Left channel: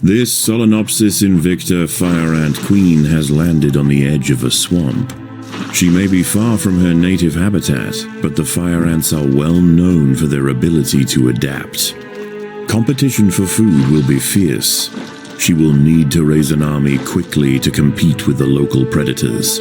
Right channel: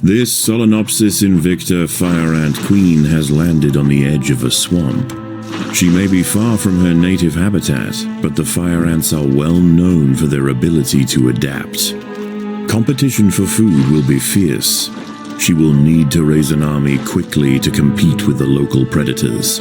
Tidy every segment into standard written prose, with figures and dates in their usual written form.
This Solenopsis invicta fire ant queen has landed on the edge of a swamp. She may be far from her native habitat, but the fire ants are well known for their ability to adapt. Competition for food will be fierce. She will need to raise an army quickly to compete with the local predators.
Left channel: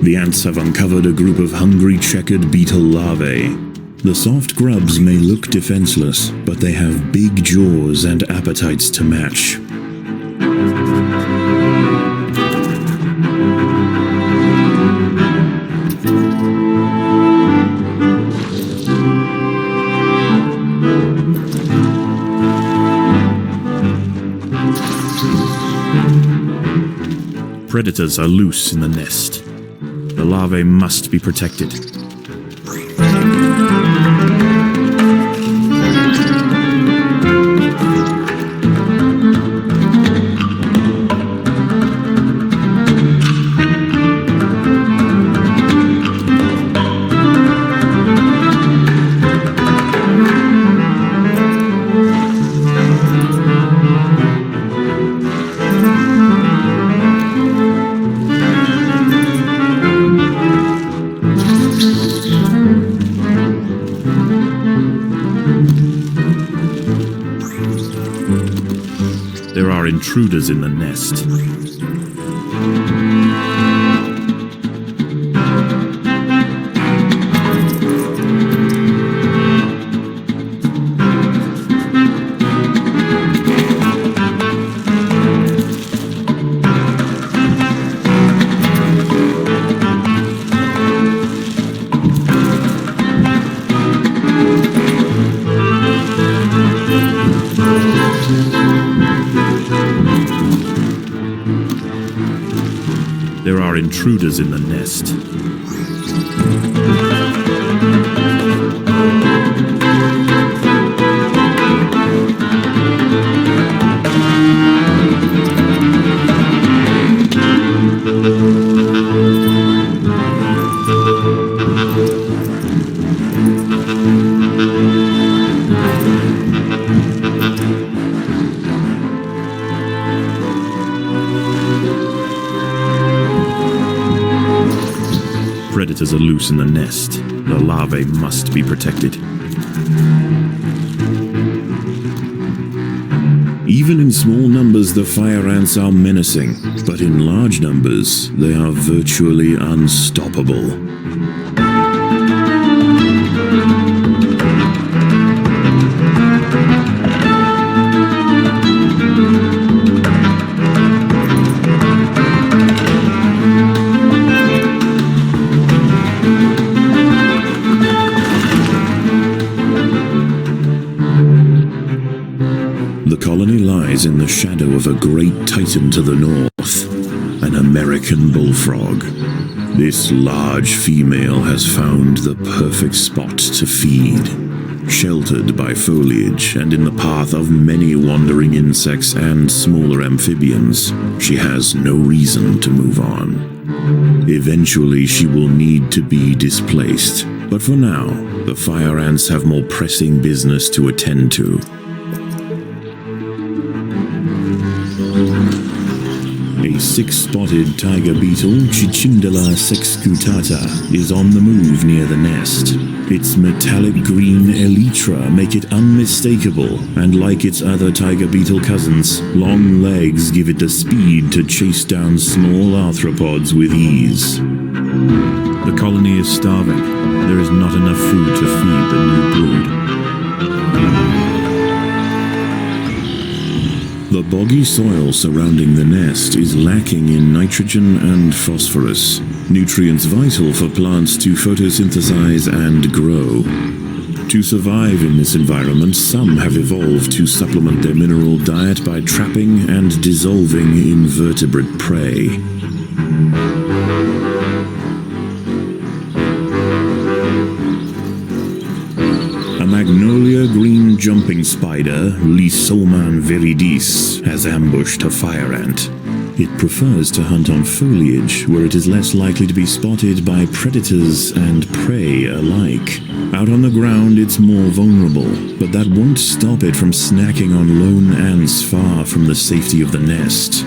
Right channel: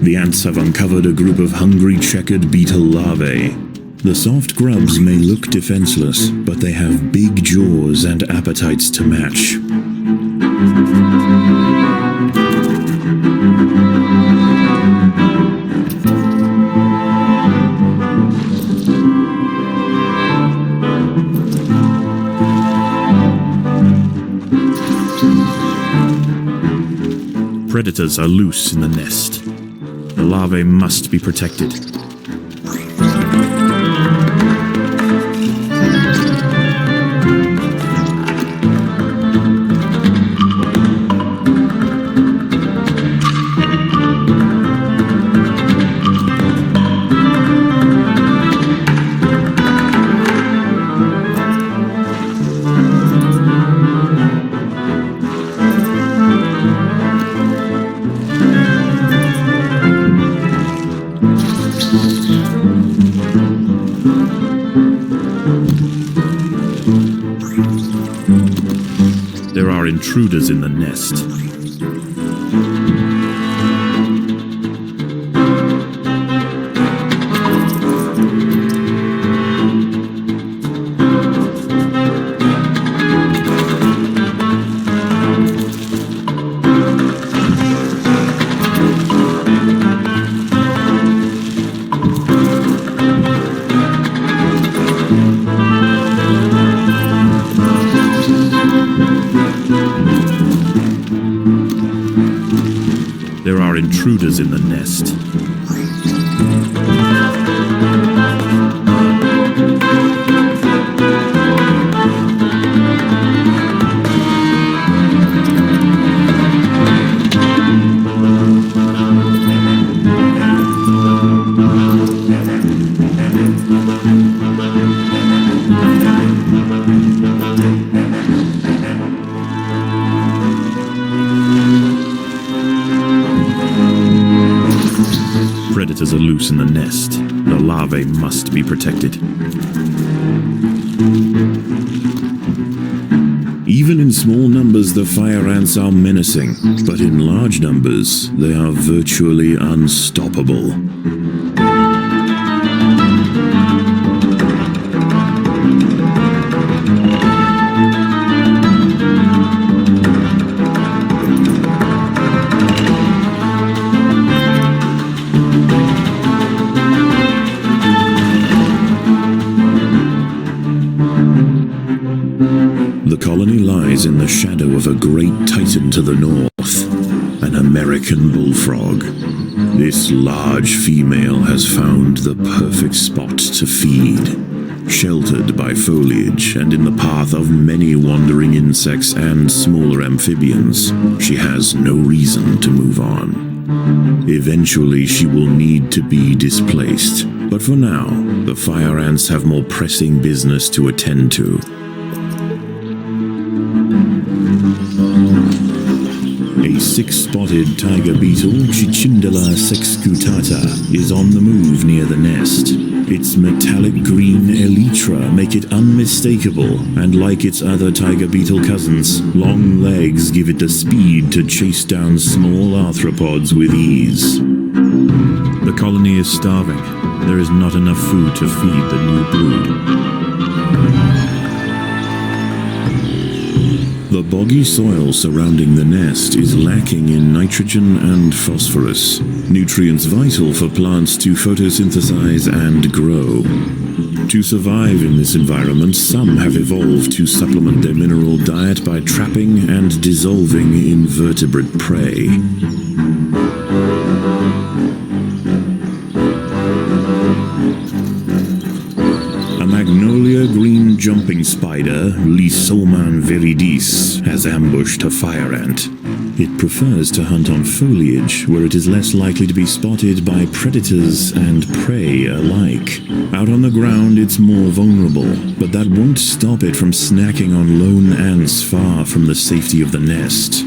The ants have uncovered a group of hungry checkered beetle larvae. The soft grubs may look defenseless, but they have big jaws and appetites to match. Predators are loose in the nest. The larvae must be protected. There are intruders in the nest. There are intruders in the nest. Predators are loose in the nest. The larvae must be protected. Even in small numbers, the fire ants are menacing, but in large numbers, they are virtually unstoppable. The colony lies in the shadow of a great titan to the north, an American bullfrog. This large female has found the perfect spot to feed. Sheltered by foliage and in the path of many wandering insects and smaller amphibians, she has no reason to move on. Eventually she will need to be displaced, but for now, the fire ants have more pressing business to attend to. A six-spotted tiger beetle, Cichindala sexcutata, is on the move near the nest. Its metallic green elytra make it unmistakable, and like its other tiger beetle cousins, long legs give it the speed to chase down small arthropods with ease. The colony is starving. There is not enough food to feed the new brood. The boggy soil surrounding the nest is lacking in nitrogen and phosphorus, nutrients vital for plants to photosynthesize and grow. To survive in this environment, some have evolved to supplement their mineral diet by trapping and dissolving invertebrate prey. Magnolia green jumping spider, Lysoman viridis, has ambushed a fire ant. It prefers to hunt on foliage, where it is less likely to be spotted by predators and prey alike. Out on the ground it's more vulnerable, but that won't stop it from snacking on lone ants far from the safety of the nest.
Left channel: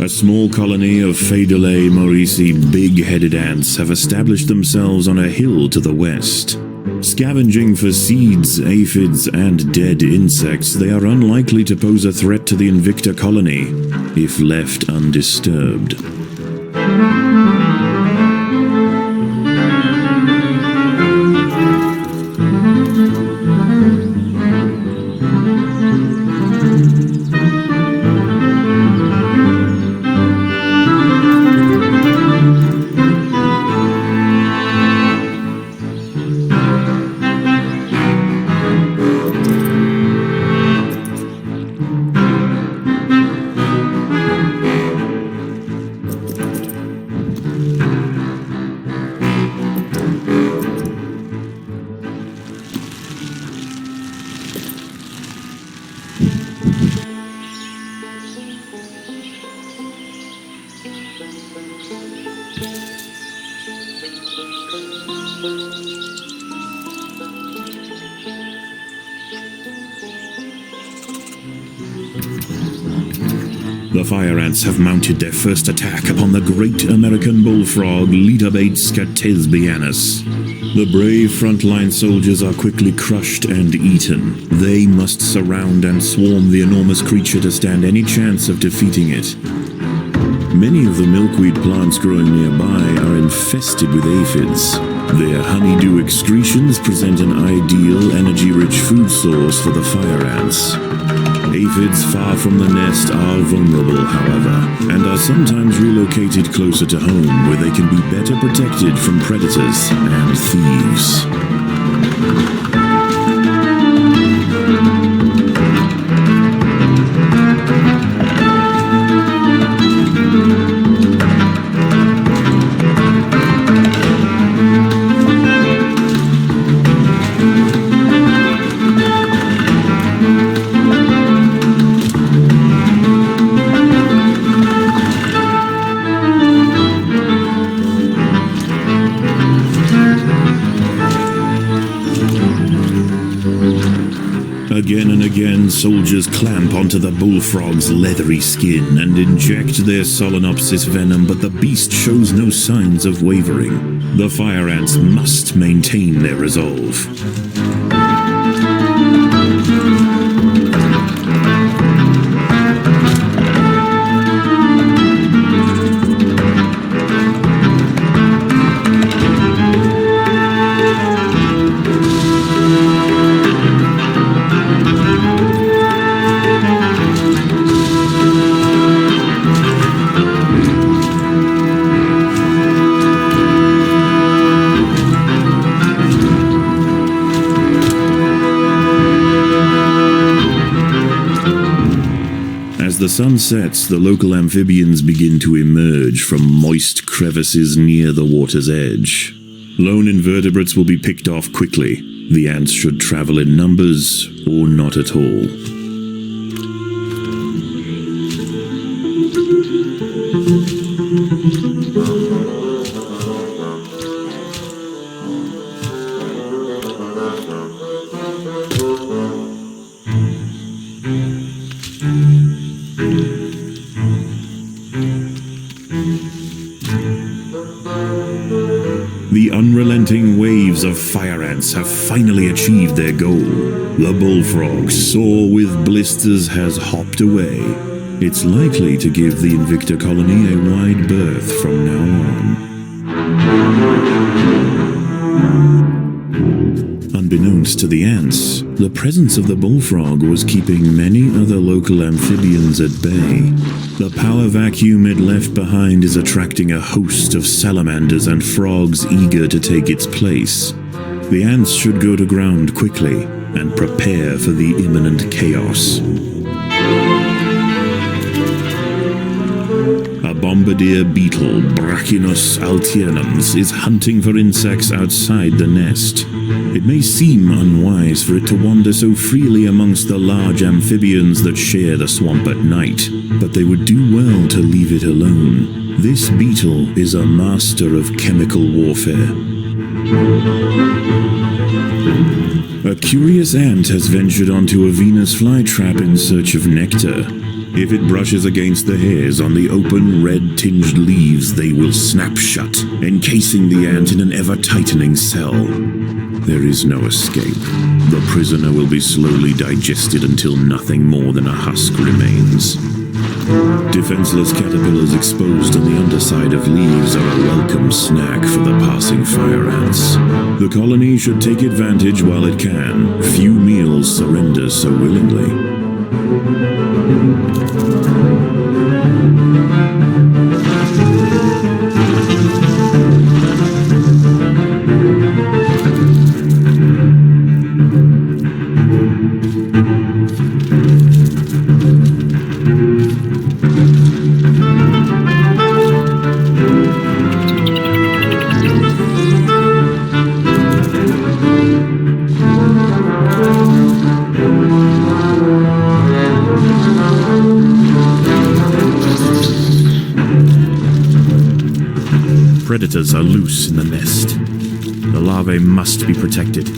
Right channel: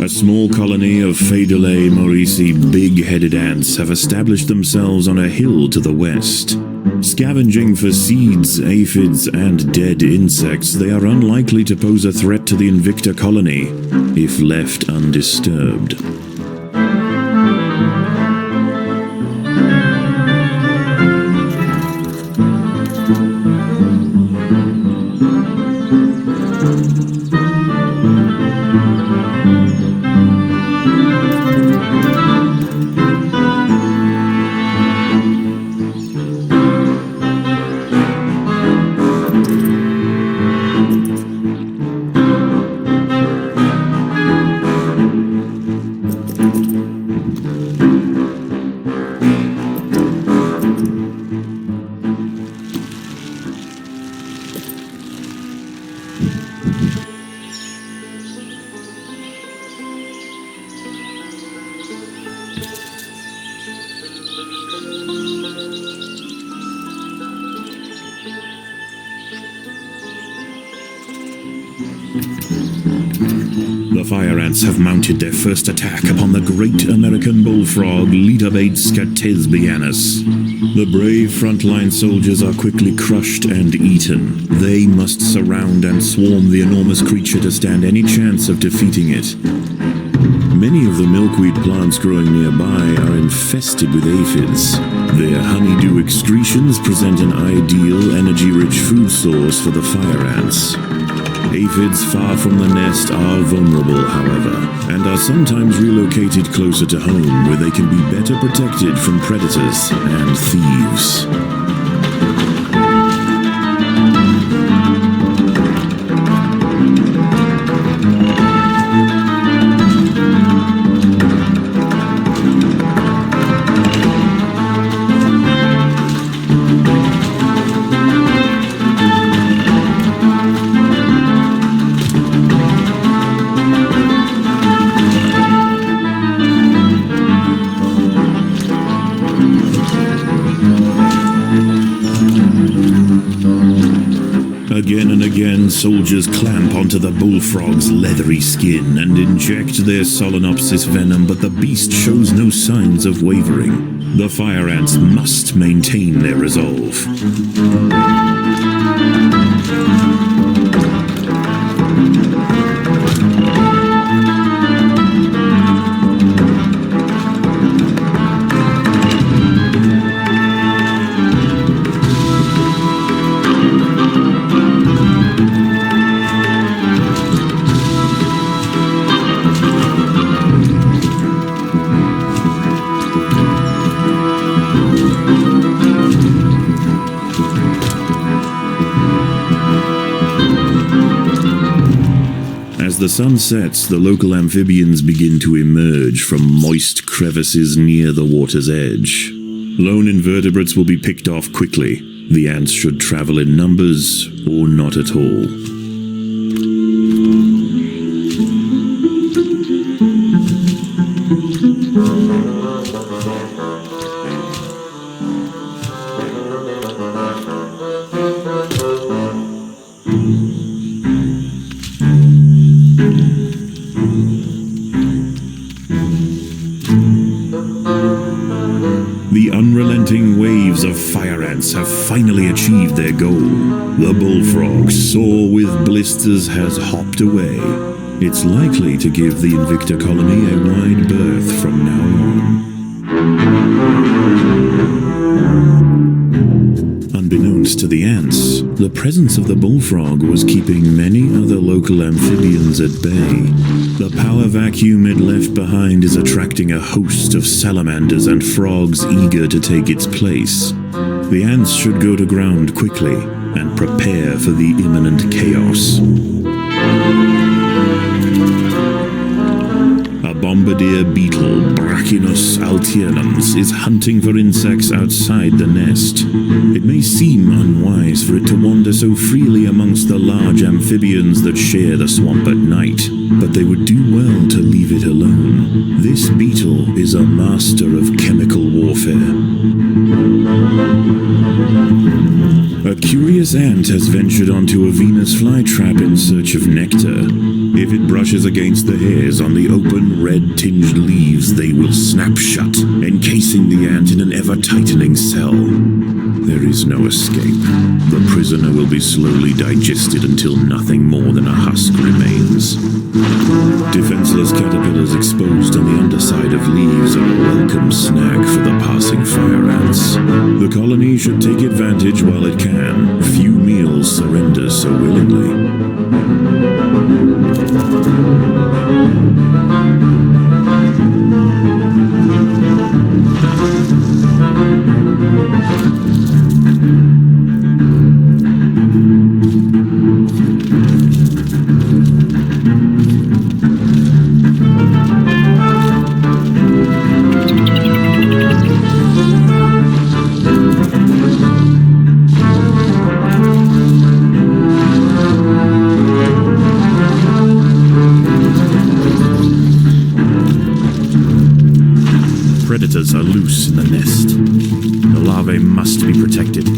A small colony of Phaedolae maurici big-headed ants have established themselves on a hill to the west. Scavenging for seeds, aphids, and dead insects, they are unlikely to pose a threat to the Invicta colony if left undisturbed. The fire ants have mounted their first attack upon the great American bullfrog Litabates scatesbianus. The brave frontline soldiers are quickly crushed and eaten. They must surround and swarm the enormous creature to stand any chance of defeating it. Many of the milkweed plants growing nearby are infested with aphids. Their honeydew excretions present an ideal, energy-rich food source for the fire ants. Aphids far from the nest are vulnerable, however, and are sometimes relocated closer to home where they can be better protected from predators and thieves. Again and again, soldiers clamp onto the bullfrog's leathery skin and inject their Solenopsis venom, but the beast shows no signs of wavering. The fire ants must maintain their resolve. As the sun sets, the local amphibians begin to emerge from moist crevices near the water's edge. Lone invertebrates will be picked off quickly. The ants should travel in numbers or not at all. The unrelenting waves of fire ants have finally achieved their goal. The bullfrog, sore with blisters, has hopped away. It's likely to give the Invicta colony a wide berth from now on. Unbeknownst to the ants, the presence of the bullfrog was keeping many other local amphibians at bay. The power vacuum it left behind is attracting a host of salamanders and frogs eager to take its place. The ants should go to ground quickly and prepare for the imminent chaos. A bombardier beetle, Brachinus alternans, is hunting for insects outside the nest. It may seem unwise for it to wander so freely amongst the large amphibians that share the swamp at night, but they would do well to leave it alone. This beetle is a master of chemical warfare. A curious ant has ventured onto a Venus flytrap in search of nectar. If it brushes against the hairs on the open, red-tinged leaves, they will snap shut, encasing the ant in an ever-tightening cell. There is no escape. The prisoner will be slowly digested until nothing more than a husk remains. Defenseless caterpillars exposed on the underside of leaves are a welcome snack for the passing fire ants. The colony should take advantage while it can. Few meals surrender so willingly. Predators are loose in the nest. The larvae must be protected.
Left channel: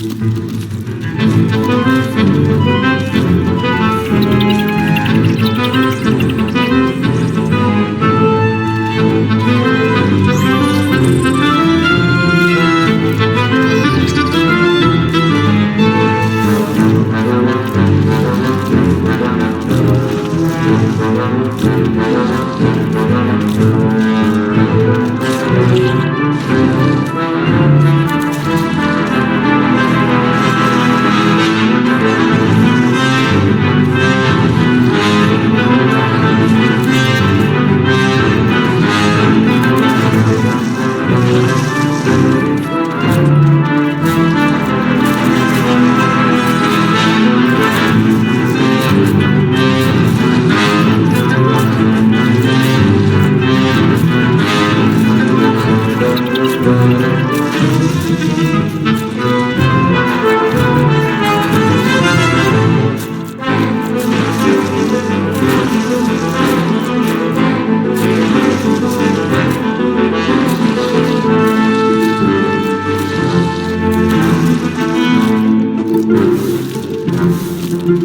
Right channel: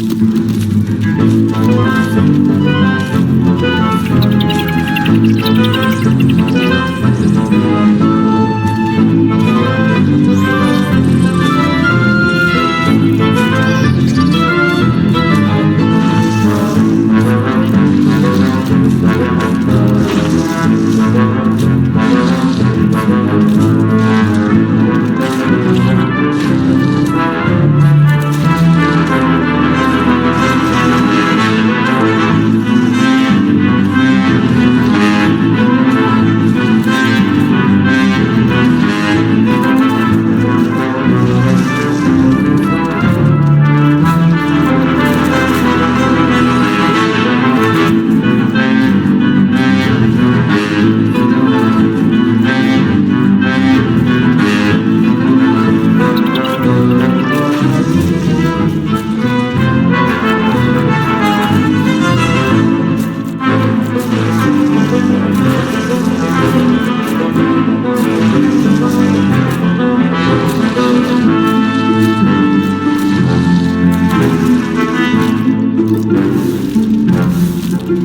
As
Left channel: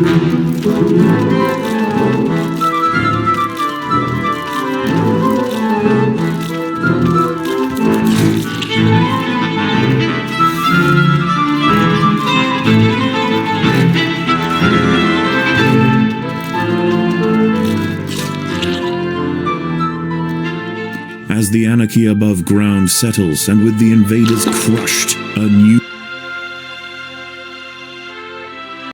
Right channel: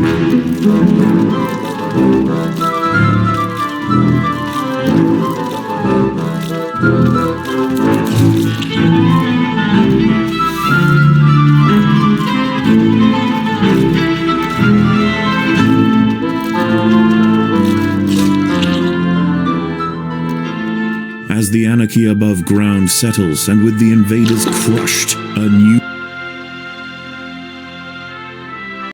the anarchy above ground settles and with the invaders crushed, a new